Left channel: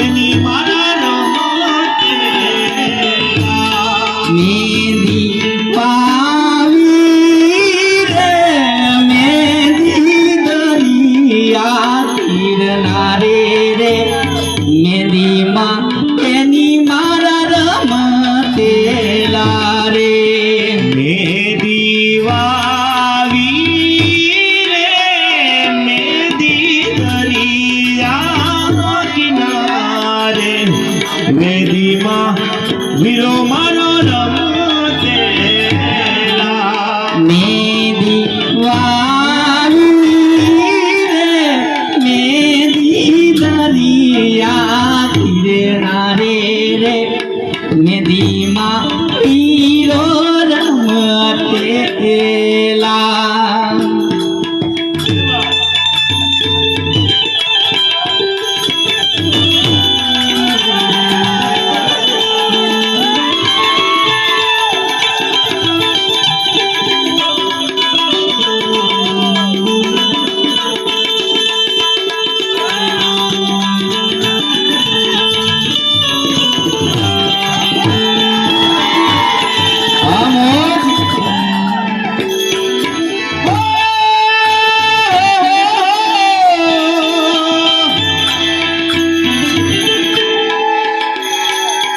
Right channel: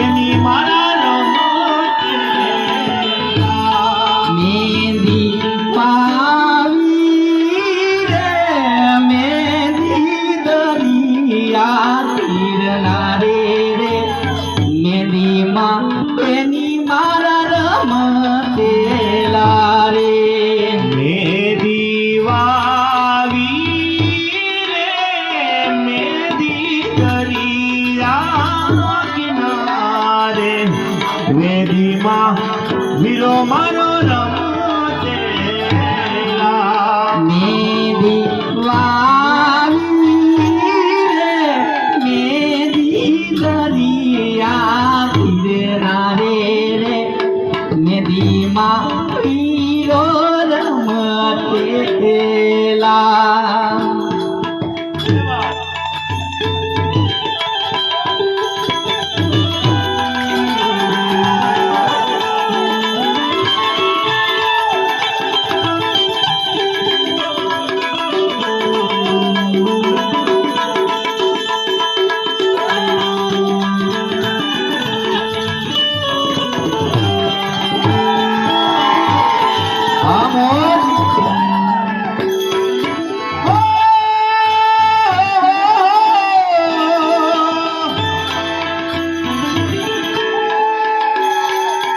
એની મારા રમતે મેંદી પાવી રે મેંદી દરિયા તીરના રે મેંદીમાં એની મારા રમતેલા રે મેંદી વાવી રે મેંદી દરિયા કિનારે મેંદીમાં વીરો મારો રમતેલા મેંદી વાવી રે મેંદી દરિયા તીરના રે મેંદીમાં વીરો રમતેલા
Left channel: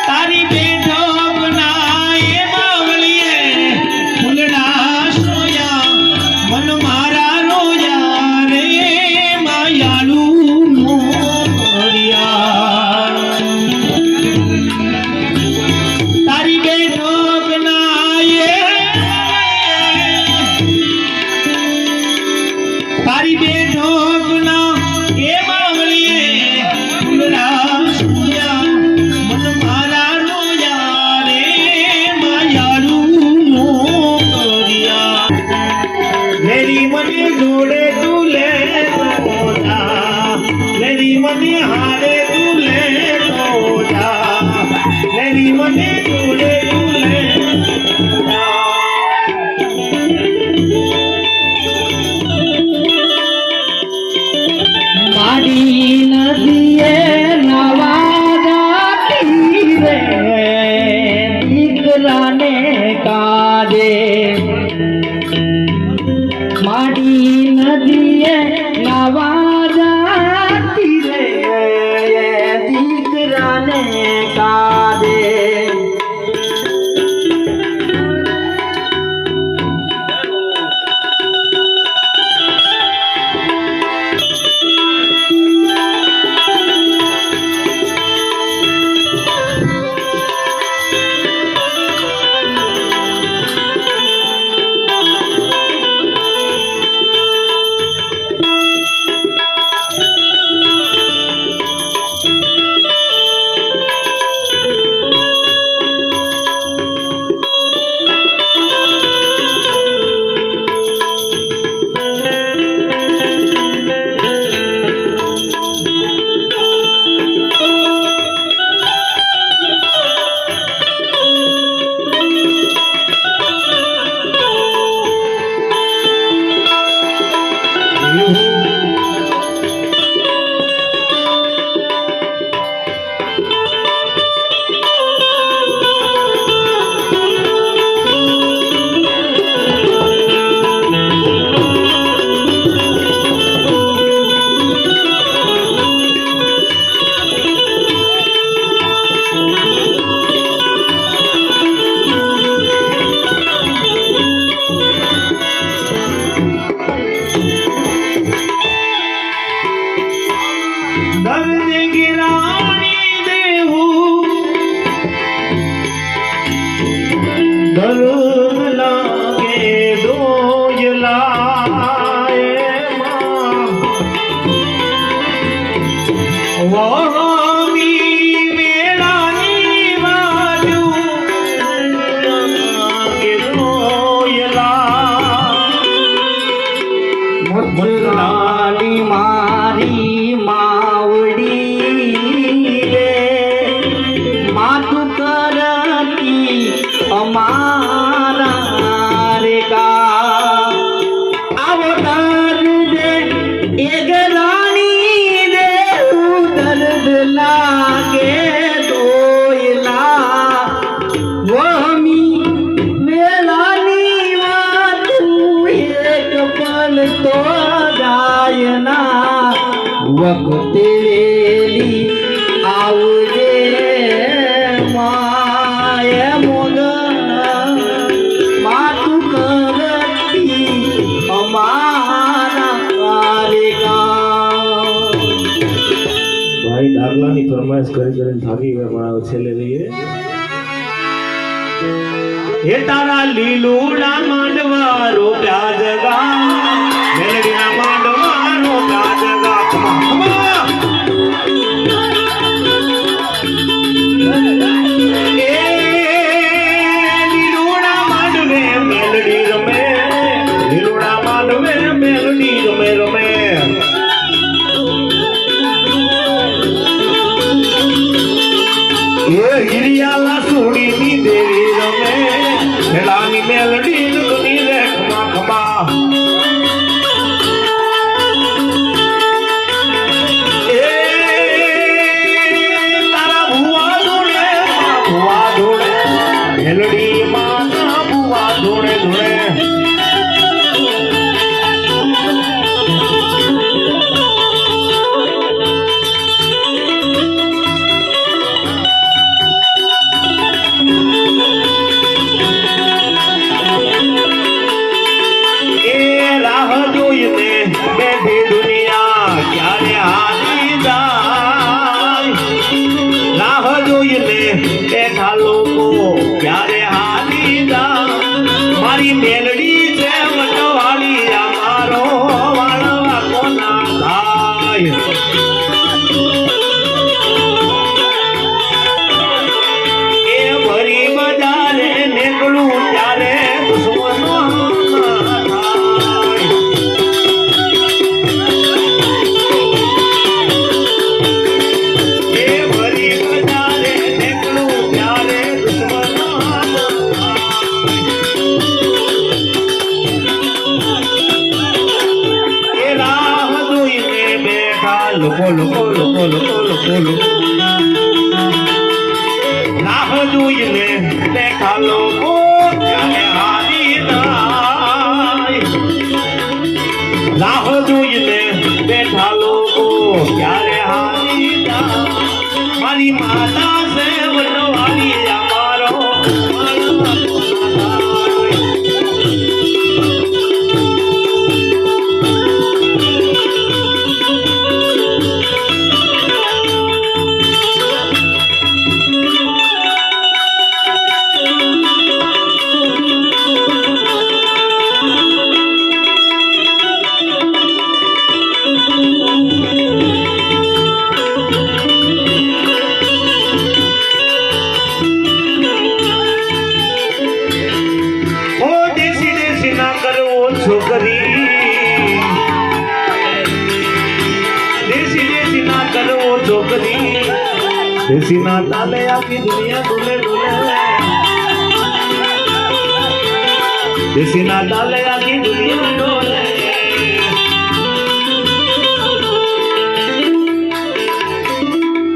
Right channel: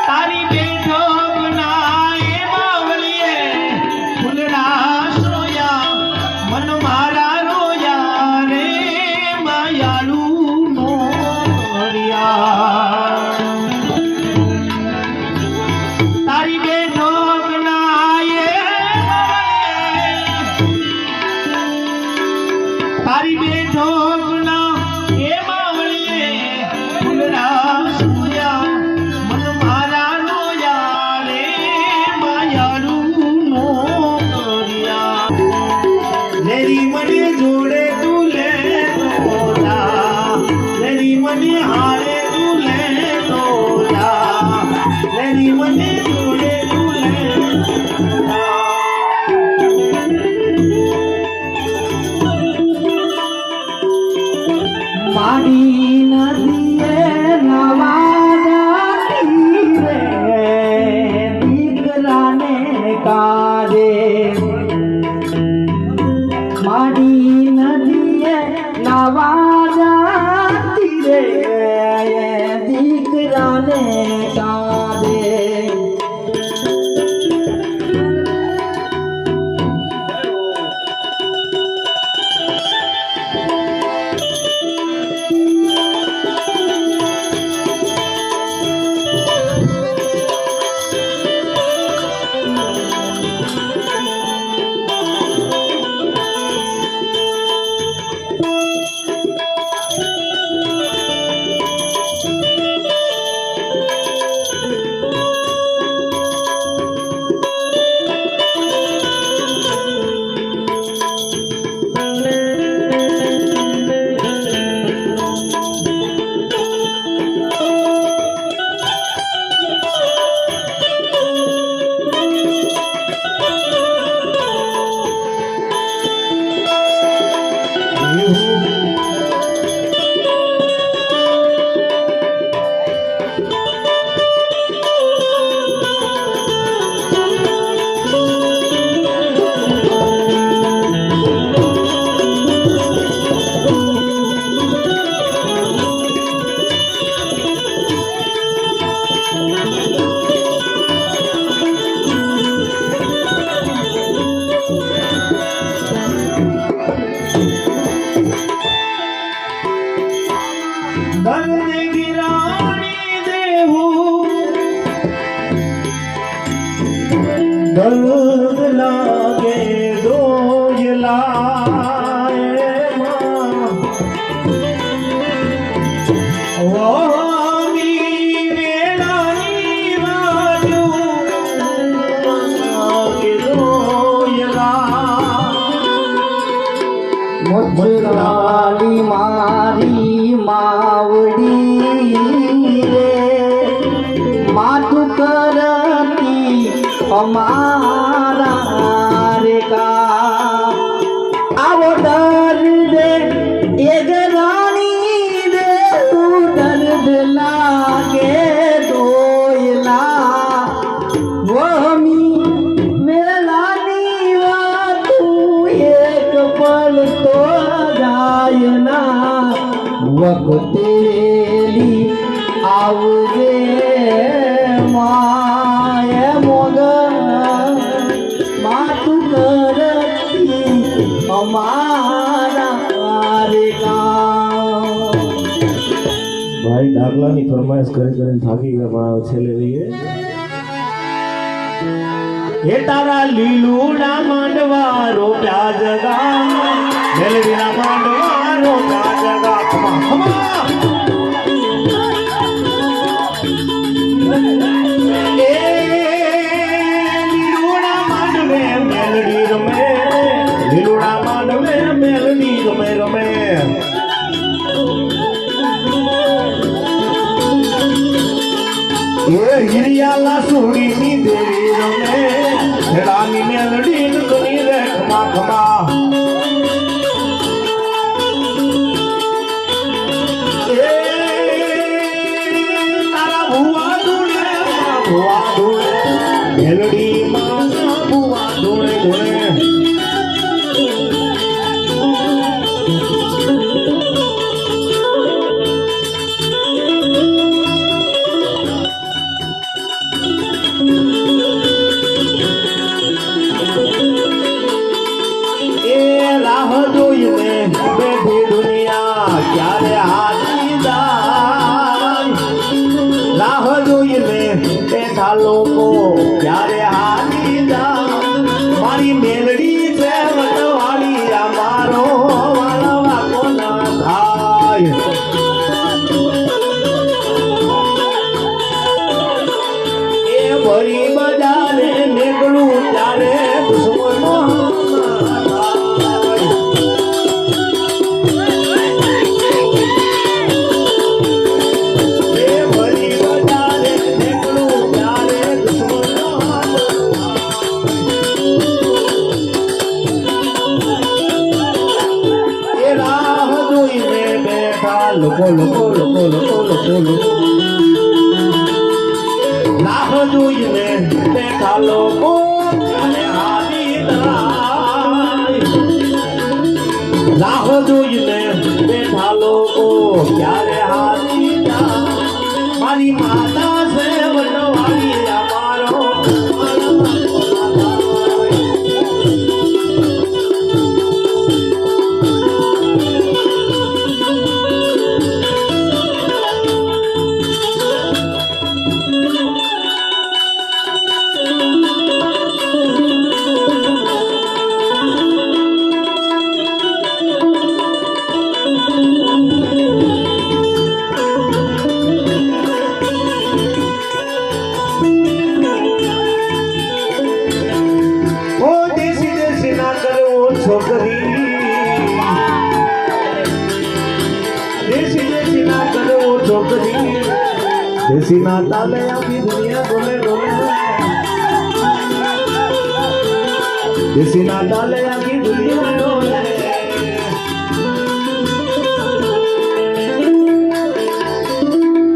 તારી બેઠકના એ બાવળીએ ફૂલડા સોયા મન મારા રોયા રે માયાળું મોરિયા તારી બેઠકના એ તારી બેઠકના એ બાવળીએ ફૂલડા સોયા મન મારા રોયા રે માયાળું મોરિયા મેરી મને જોડે તું લે તો જા મેરી મને હારે તું લે તો જા મેરી મને જોડે તું લે તો જા માડી નદીએ નવાદા તીરે દીકરાને કાજે માડી નદીએ નવાદા તીરે દીકરાને કાજે દર્દ ગિરાની દેવું દર્દ લાગે દોયલાએ વામી વેળાની વાજો લાગે દોયલા મધુરાલી મારી માવડી રે માથું કરતી અમારા રે કા આવો દર્દ એ જલાની દે દર્દ લા વખતે વેલી આવજે માય મોગ માતું કરતી અમારા રે ગામ. ભાઈ ડાગલાની ફરમાઈશ કરીને થાકી ગયા પણ હવે છેલ્લે જઈએ હે તારા લીલુડા માંડવા રોપ્યા જગા મેલડીના માંડવા રોપ્યા જગા એ લીલુડા માંડવે મેલડી રમે લીલુડા માંડવે મેલડી રમે રમે એ હિરિયાલા સુડીની દેવી રમે ખેલાની મેલડી ગની રે ખમા ખમા એ તારા ભુવા ધોળે મેલડી માં ભુવા ધોળે ધોળે બેઠી દુનિયા ક્યારે હારી જાય રાહ જોઈને બેઠા લોકો ક્યારે હારી જાય મારી મેલડી છે વટવાળી મારો વાળવા કોના થાય એ ભરી બજારે નીકળું ત્યારે દુશ્મનો લોકો લોકો લોકો લોકો લોકો રાહ જોઈને બેઠા લોકો ક્યારે હારી જાય રાહ જોઈને બેઠા લોકો ક્યારે હારી જાય મારી માતા છે વનવાળી અમારો છોકરી દેશી દેશી ના કરો છોકરી દેશી ના તાલે આખી દુનિયા ડોલે ડોલે દેશી ના તાલે આખી દુનિયા ડોલે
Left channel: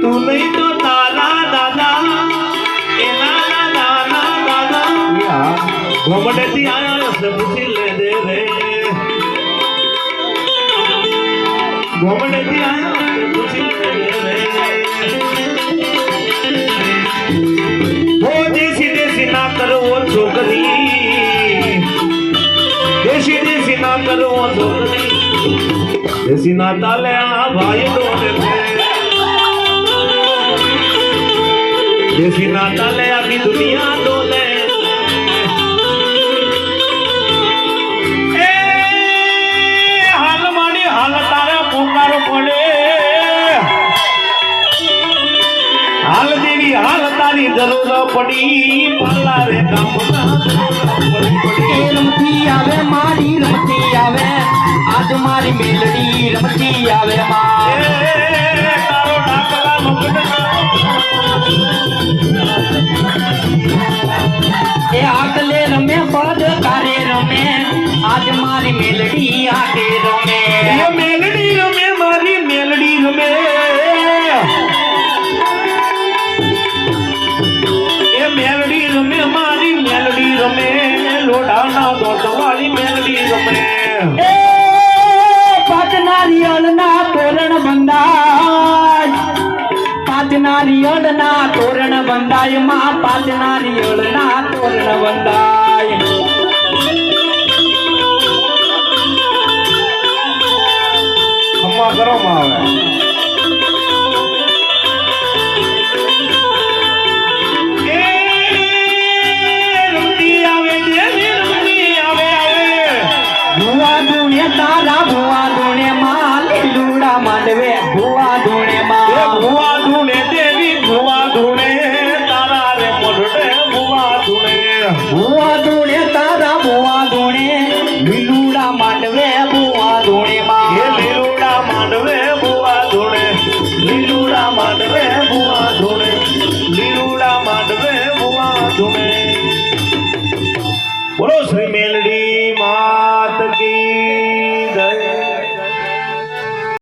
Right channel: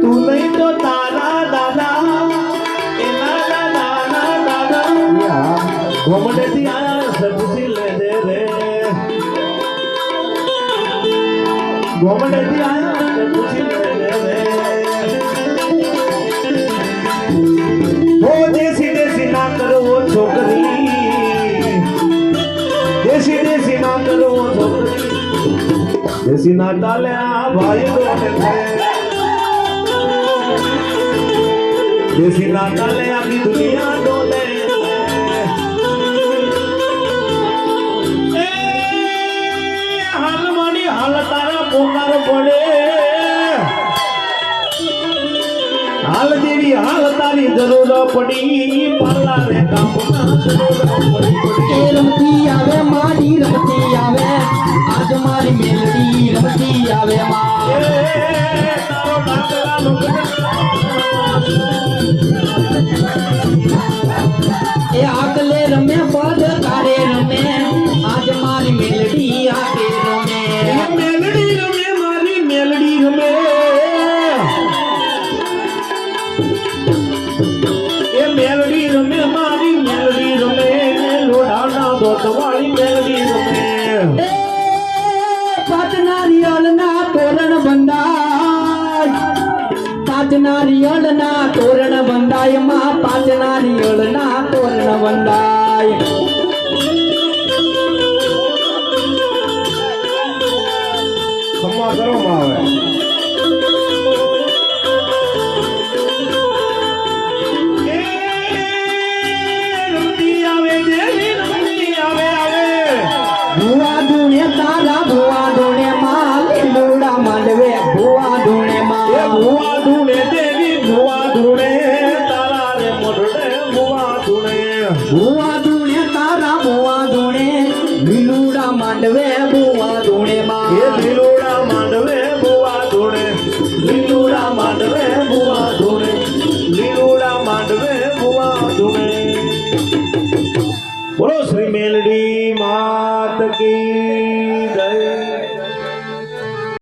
તું નહીં તો તારા દાદા એના દાદા દાદા ઘોમડેથી આયા સબથી લે દે રે ઘોમડેથી આયા સબથી લે દે રે દેશી દેશી ના કરવો છોકરી દેશી દેશી ના કરવો છોકરી દેશી ના તાલે આ ભાઈ ડોલે દેશી ના તાલે આખી દુનિયા ડોલે હાલ દેવી હાલ તારી જરૂર પડી પાલા રે રમતી આવે મારી રમતી આવે આજ મારી મેલડી રમતી આવે એ આગલે રમે પદ કારે રમે આજ મારી મેલડી આગે રમે મેલડી રમે મારી મેલડી રમે એ મેલડી રમે મારી મેલડી રમે લોઢાના દોટવાળી મેલડી રમે એ પાટનારી અલના તોરણ બંધા પાંચ નારિયેળના તોરણ બંધાય માં, પાંચ નારિયેળના તોરણ બંધાય. ખમ્મા કરો માં આવે ભુવા ધૂણે તારા ભુવા ધૂણે માં, લીલુડા માંડવે ભુવા ધૂણે એ માં. ભુવા ધૂણે દેવી ભુવા ધૂણે તારા રે મોઢે ભુવા ધૂણે ભુવા ધૂણે તારા ભુવા ધૂણે, લીલુડા માંડવે ભુવા ધૂણે એ માં. લીલુડા માંડવે ભુવા ધૂણે લીલુડા માંડવે ભુવા ધૂણે લીલુડા માંડવે ભુવા ધૂણે. બોલો શ્રી મેલડી માત કી